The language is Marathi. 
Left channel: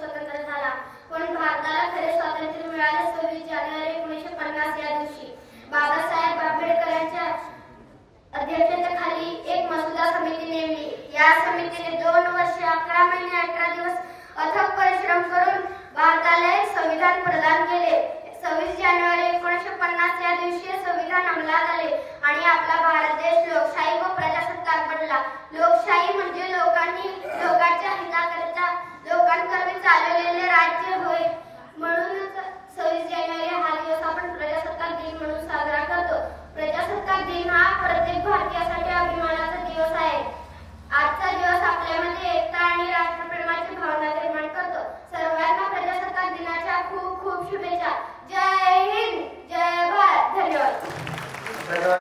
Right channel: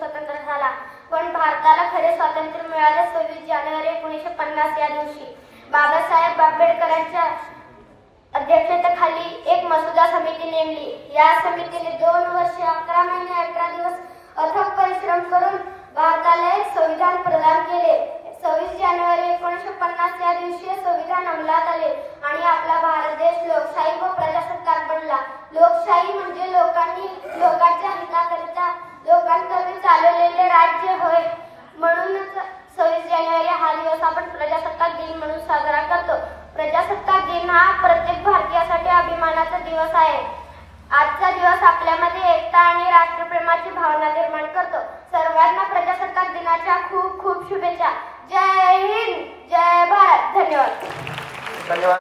स्वतंत्र झाला, पण भारताला खरे स्वातंत्र्य मिळाले 26 जानेवारी 1950 या दिवशी. बाबासाहेब आंबेडकरांच्या अध्यक्षतेखाली एक मसुदा समिती नेमली. या समितीने 2 वर्षे 11 महिने 18 दिवस अथक परिश्रम करून भारताला एक संविधान प्रदान केले. 26 जानेवारी 1950 या दिवशी संविधान अंमलात आले आणि आपला भारत देश लोकशाही व प्रजासत्ताक बनला. लोकशाही म्हणजे लोकांच्या हिताकरिता लोकांकरता चालवलेले राज्य होय. म्हणूनच 26 जानेवारी हा दिवस आपण प्रजासत्ताक दिन म्हणून साजरा करतो. प्रजासत्ताक दिन हा प्रत्येक भारतीयासाठी अभिमानाचा दिवस आहे. आजचा दिवस आपल्यामध्ये एकता आणि राष्ट्रप्रेमाची भावना निर्माण करतो. सर्वांना प्रजासत्ताक दिनाच्या खूप खूप शुभेच्छा. जय